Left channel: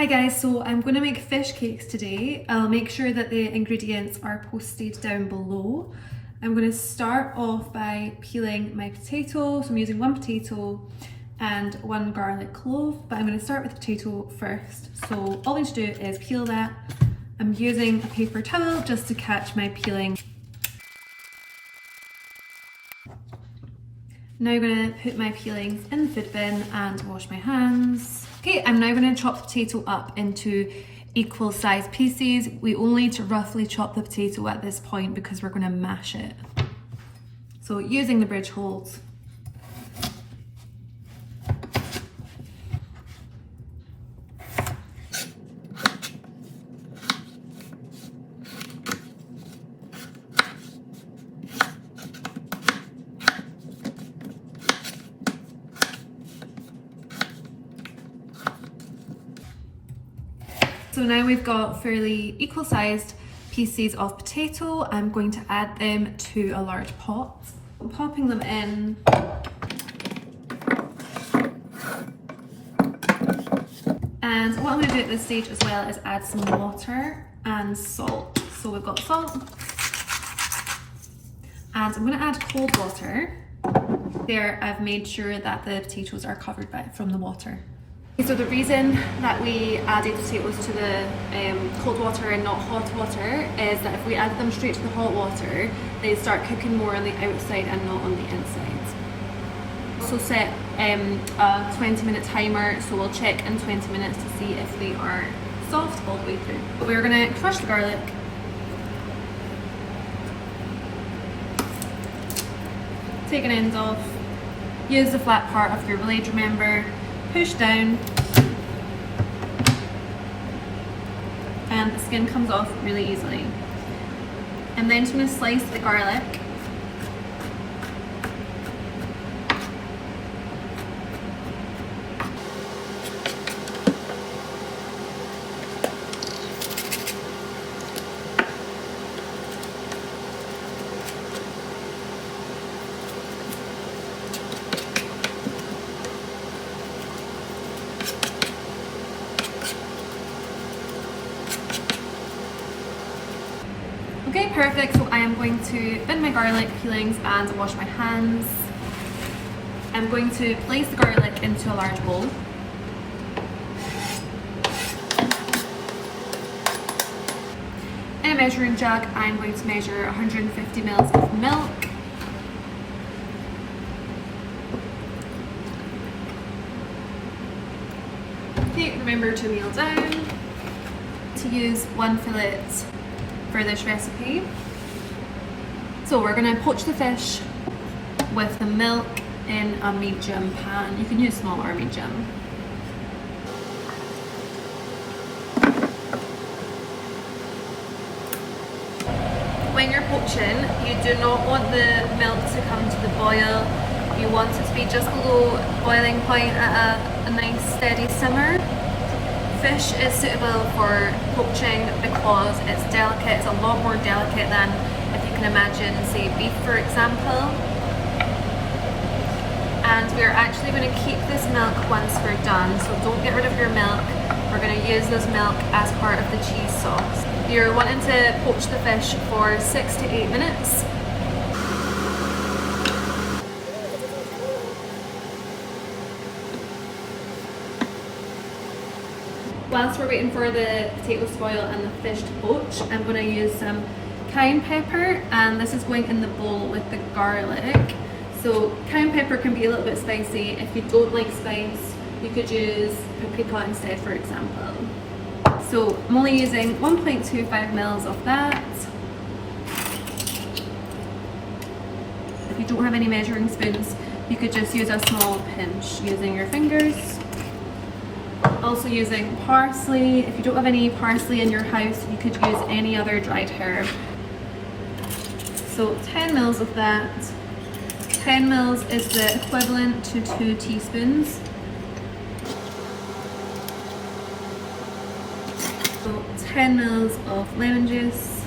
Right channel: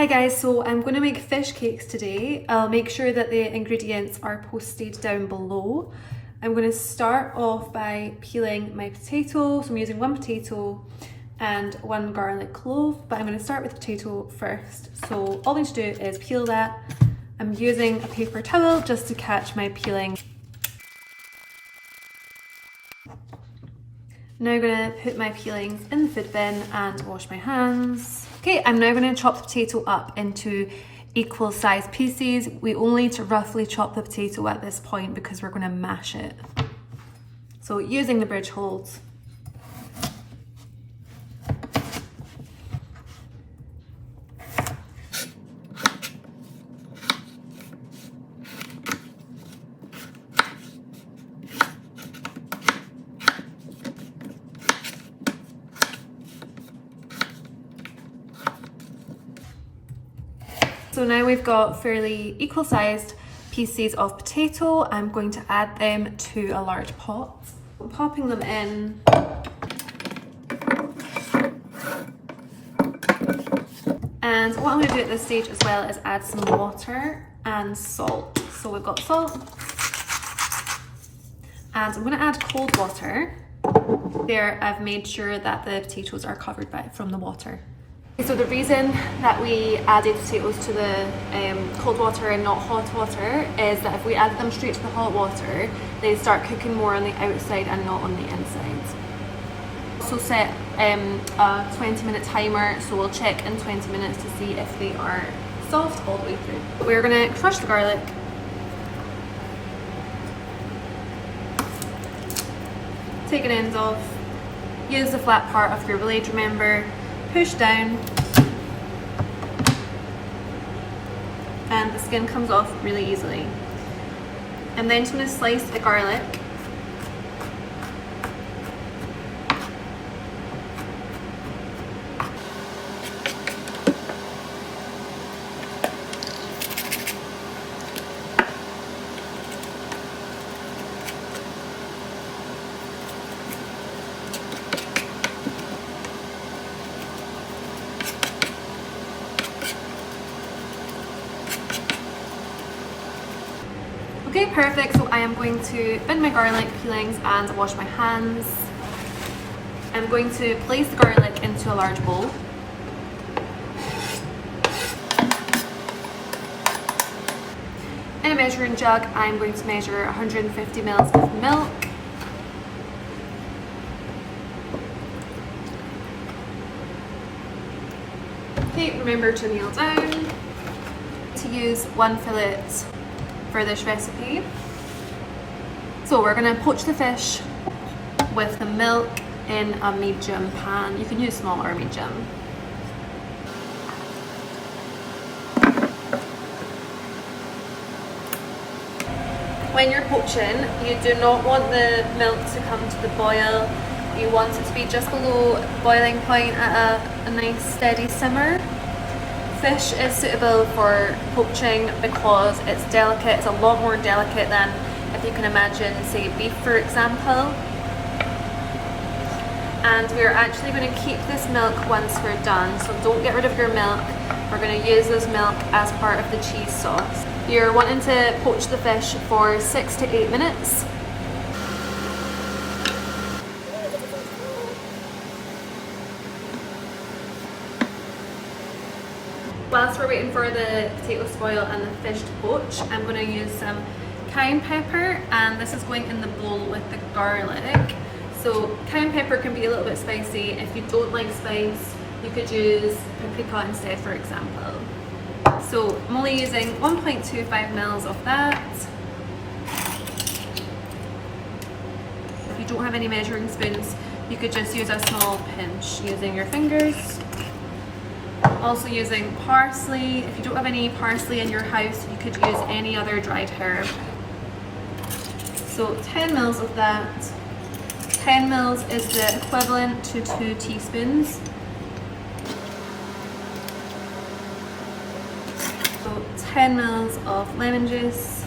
Hi guys, so I'm going to make fish cakes today. I'll make sure that the ingredients are posted down below. I'm going to start off by peeling my potato. So I'm using one potato and one garlic clove, but I'm going to start with the potato first. So all we need to do is peel that. I'm using a paper towel just to catch my peeling. Now I'm going to put my peelings in the food bin and wash my hands. Okay, I'm now going to chop the potato up into equal sized pieces. We only need to roughly chop the potato at this point because we're going to mash it. So using the bridge holes. So now we've got fairly equal sized pieces of potato. I'm going to add them to a large pot. I'm popping them in. And what I'm going to do at this stage as well is add some water and salt. So we've got salt. And I'm going to add cold water. There, I've made sure that the potatoes are covered from the water. So the reason that we added potatoes to the cold water and not hot water is that if we add them straight to the hot water, they start cooking more on the outside and not on the inside. Also set a 20-minute timer, so we'll check in 20 minutes to see if they are soft all the way through. We're going to crush the garlic. Take an end off. Use the flat part of your blade, remember. Push down and the skin comes off really easily. And then just going to slice the garlic. Okay, perfect. So I am going to bin my garlic peelings and wash my hands. I'm going to place the garlic into a large bowl. In a measuring jug, I'm going to measure 150 ml of milk. Okay, remember to kneel down. To use one fillet for this recipe. So we're going to poach the fish with the milk in a medium pan. You can use small or medium. When you're poaching, you do not want the milk to come to the boil. You want it to be just below boiling point at a nice steady simmer. Fish is suitable for poaching because it's delicate. It's a lot more delicate than, if you can imagine, say beef for example. And we're actually going to keep this milk once we're done, so don't get rid of your milk. We're going to use this milk as part of the cheese sauce. You're wanting to poach the fish for 6 to 8 minutes. Whilst we're waiting for the potatoes to boil and the fish to poach, I'm going to use some cayenne pepper, and this is going in the bowl with the garlic. So cayenne pepper can be a little bit spicy. If you don't like spice, you could use paprika instead, for example. So I'm only using 1.25 ml of that. If you don't have any measuring spoons, you could just use a small pinch using your fingers. Also using parsley. If you don't have any parsley in your house, you could use any other dried herb. So 10 ml of that. 10 ml is the equivalent to 2 teaspoons. So 10 ml of lemon juice.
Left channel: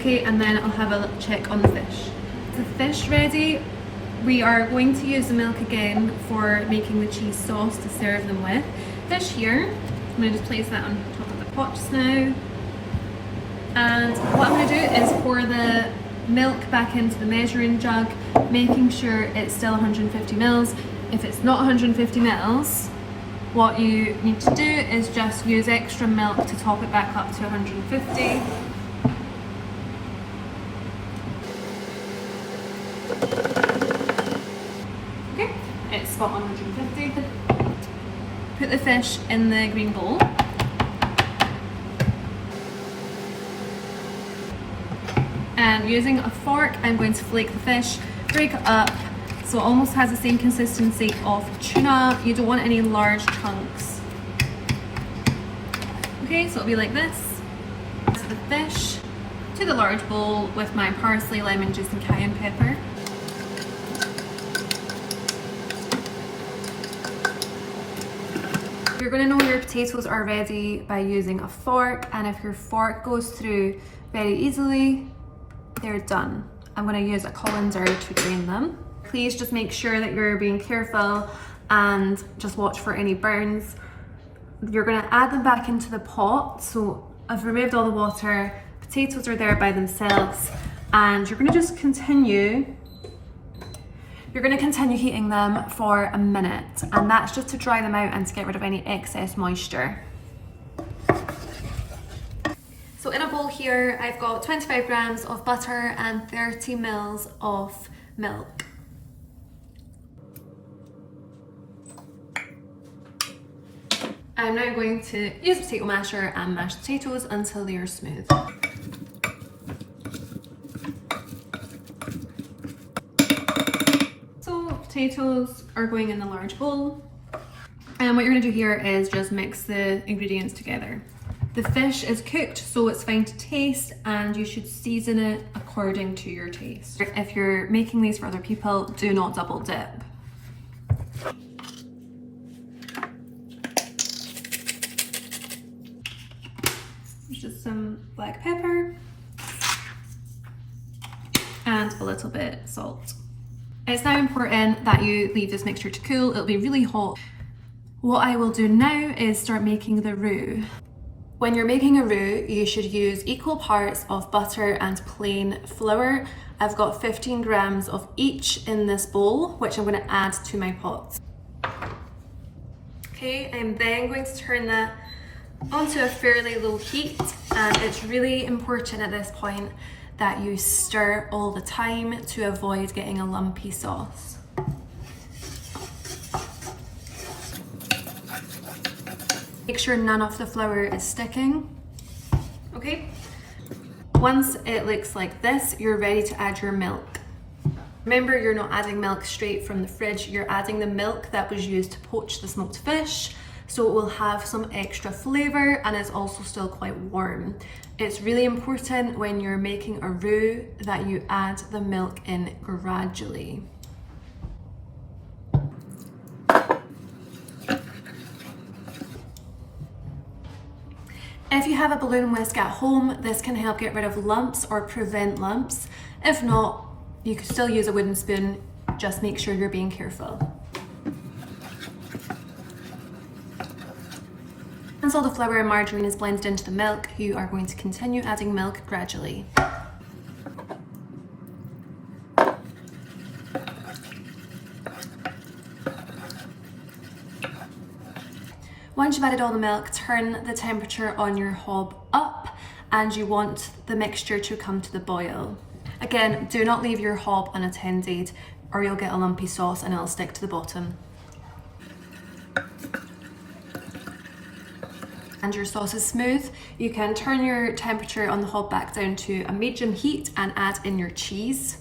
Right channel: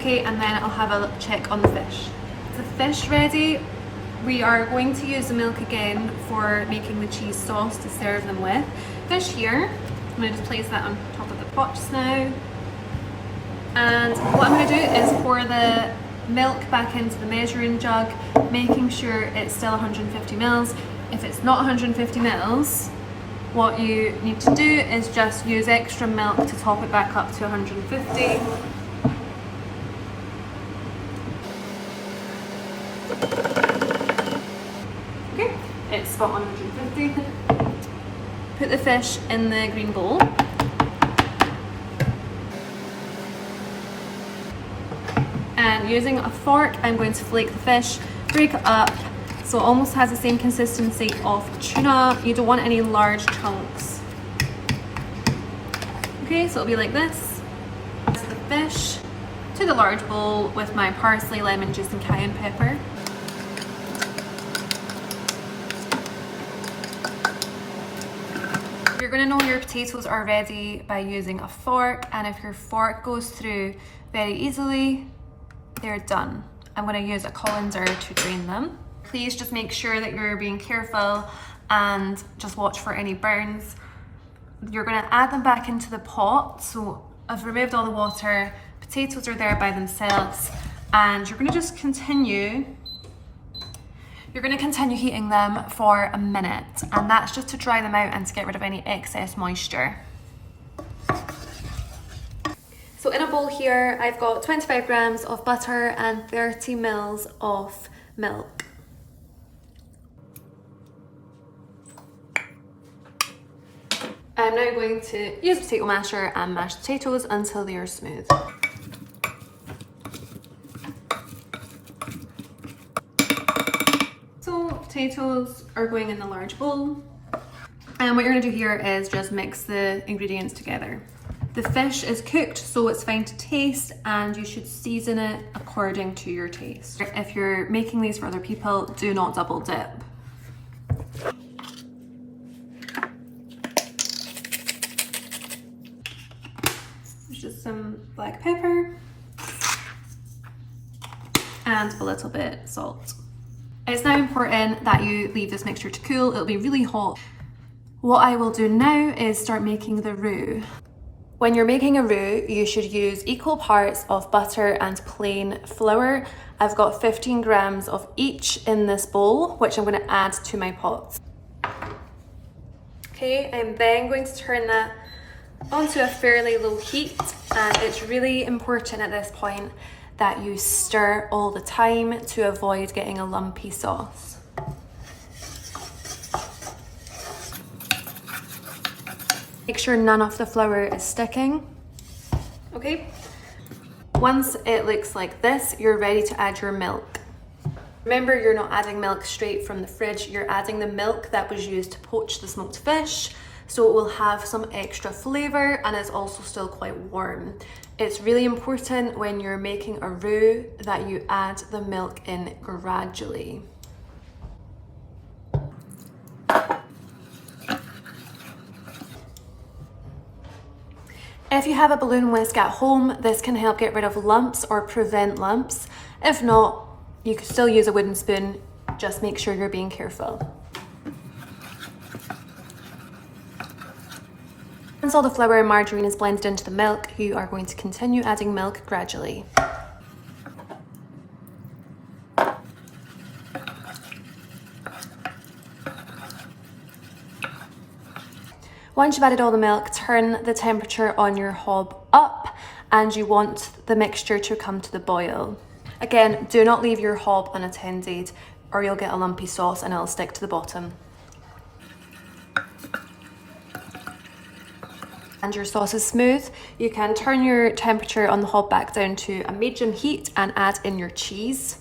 Okay, and then I'll have a check on the fish. the fish ready, we are going to use the milk again for making the cheese sauce to serve them with. Fish here, I'm going to just place that on top of the pot just now. And what I'm going to do is pour the milk back into the measuring jug, making sure it's still 150 mils. If it's not 150 mils, what you need to do is just use extra milk to top it back up to 150. Okay, it's spot on 150. Put the fish in the green bowl. And using a fork, I'm going to flake the fish, break it up, so it almost has the same consistency of tuna. You don't want any large chunks. Okay, so it'll be like this. That's the fish to the large bowl with my parsley, lemon juice and cayenne pepper. You're going to know your potatoes are ready by using a fork, and if your fork goes through very easily, they're done. I'm going to use a colander to drain them. Please just make sure that you're being careful and just watch for any burns. You're going to add them back into the pot. So I've removed all the water, potatoes are there by themselves, and you're going to just continue. You're going to continue heating them for a minute, and that's just to dry them out and to get rid of any excess moisture. So in a bowl here, I've got 25 grams of butter and 30 mils of milk. I'm now going to use a potato masher and mash the potatoes until they are smooth. So potatoes are going in the large bowl. And what you're going to do here is just mix the ingredients together. The fish is cooked, so it's fine to taste, and you should season it according to your taste. If you're making these for other people, do not double dip. There's just some black pepper and a little bit salt. It's now important that you leave this mixture to cool. It'll be really hot. What I will do now is start making the roux. When you're making a roux, you should use equal parts of butter and plain flour. I've got 15 grams of each in this bowl, which I'm going to add to my pot. Okay, I'm then going to turn that onto a fairly low heat, and it's really important at this point that you stir all the time to avoid getting a lumpy sauce. Make sure none of the flour is sticking. Okay, once it looks like this, you're ready to add your milk. Remember, you're not adding milk straight from the fridge, you're adding the milk that was used to poach the smoked fish, so it will have some extra flavour and it's also still quite warm. It's really important when you're making a roux that you add the milk in gradually. If you have a balloon whisk at home, this can help get rid of lumps or prevent lumps. If not, you could still use a wooden spoon, just make sure you're being careful. Once all the flour and margarine is blended into the milk, you are going to continue adding milk gradually. Once you've added all the milk, turn the temperature on your hob up, and you want the mixture to come to the boil. Again, do not leave your hob unattended or you'll get a lumpy sauce and it'll stick to the bottom. And your sauce is smooth, you can turn your temperature on the hob back down to a medium heat and add in your cheese.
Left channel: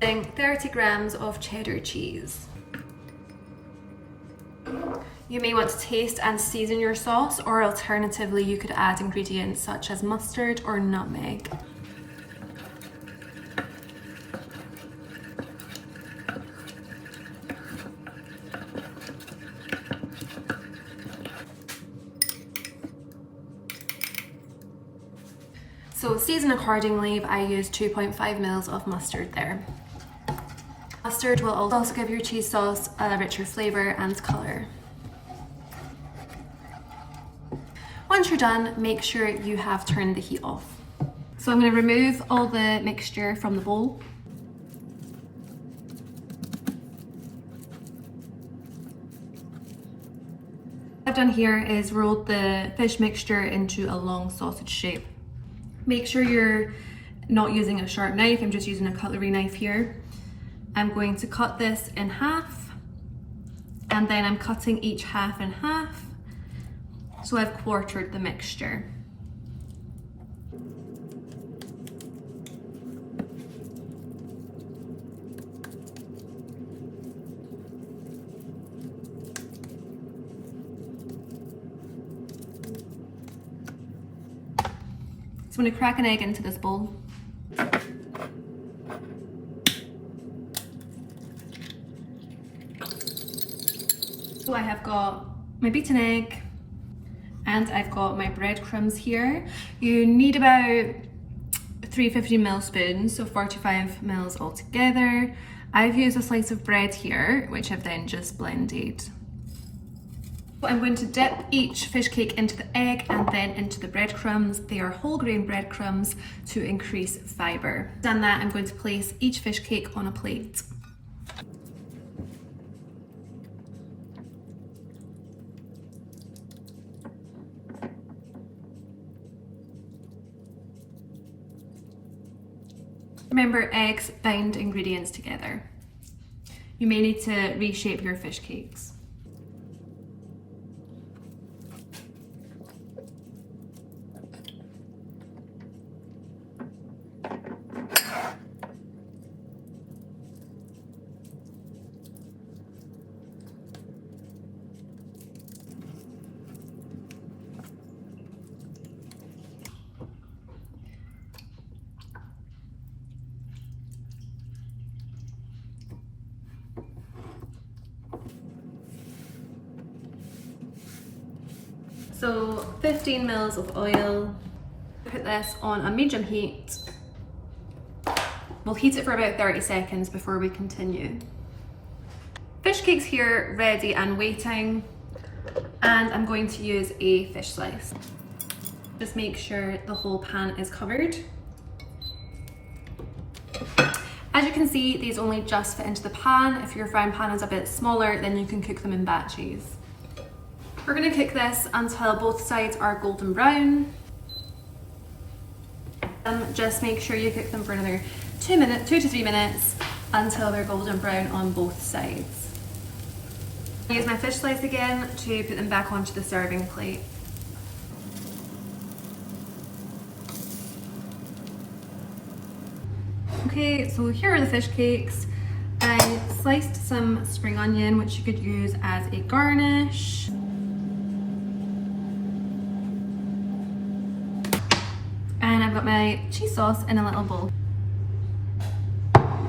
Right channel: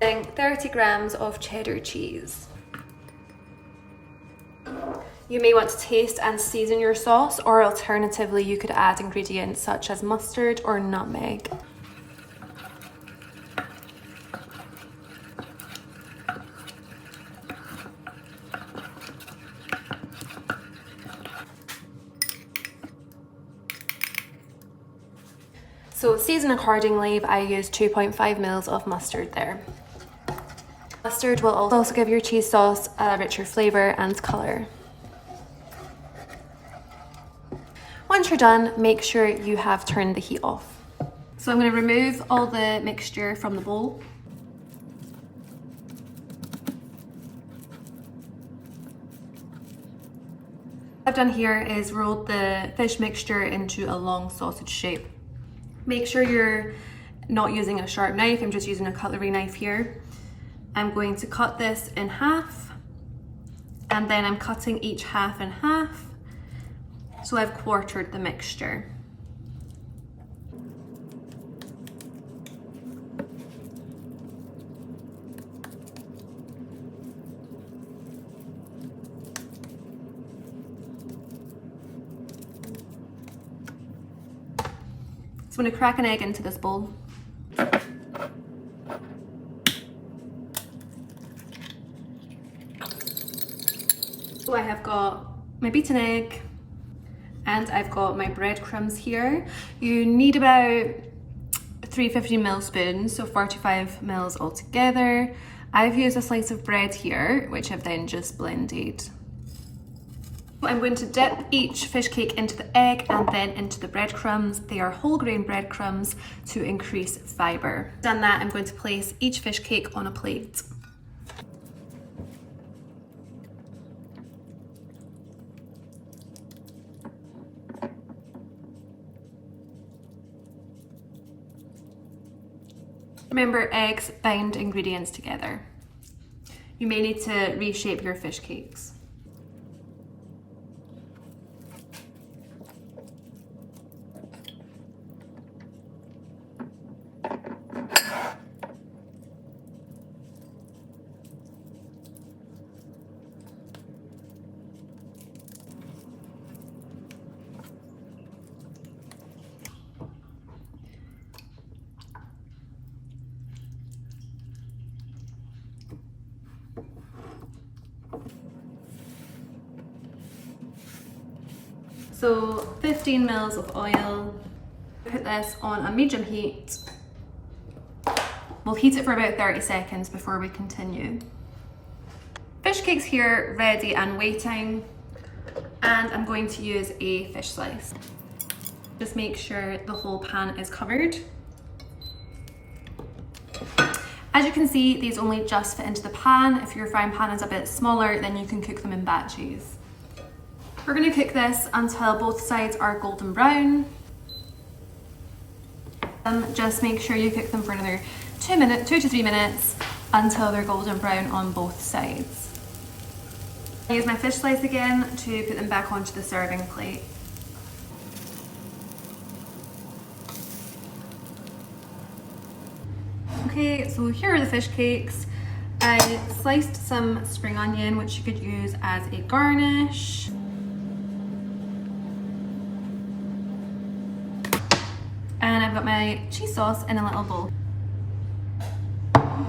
30 grams of cheddar cheese. You may want to taste and season your sauce, or alternatively you could add ingredients such as mustard or nutmeg. So season accordingly, but I used 2.5 mils of mustard there. Mustard will also give your cheese sauce a richer flavour and colour. Once you're done, make sure you have turned the heat off. So I'm going to remove all the mixture from the bowl. What I've done here is rolled the fish mixture into a long sausage shape. Make sure you're not using a sharp knife, I'm just using a cutlery knife here. I'm going to cut this in half, and then I'm cutting each half in half, so I've quartered the mixture. So I'm going to crack an egg into this bowl. So I have got my beaten egg and I've got my breadcrumbs here. You need about 350ml spoons, so 45 mils altogether. I've used a slice of bread here, which I've then just blended. I'm going to dip each fish cake into the egg and then into the breadcrumbs. They are whole grain breadcrumbs to increase fibre. Done that, I'm going to place each fish cake on a plate. Remember, eggs bind ingredients together. You may need to reshape your fish cakes. So 15 mils of oil. Put this on a medium heat. We'll heat it for about 30 seconds before we continue. Fish cakes here ready and waiting, and I'm going to use a fish slice. Just make sure the whole pan is covered. As you can see, these only just fit into the pan. If your frying pan is a bit smaller, then you can cook them in batches. We're going to cook this until both sides are golden brown. Just make sure you cook them for another 2 to 3 minutes until they're golden brown on both sides. I use my fish slice again to put them back onto the serving plate. Okay, so here are the fish cakes. I sliced some spring onion, which you could use as a garnish. And I've got my cheese sauce in a little bowl.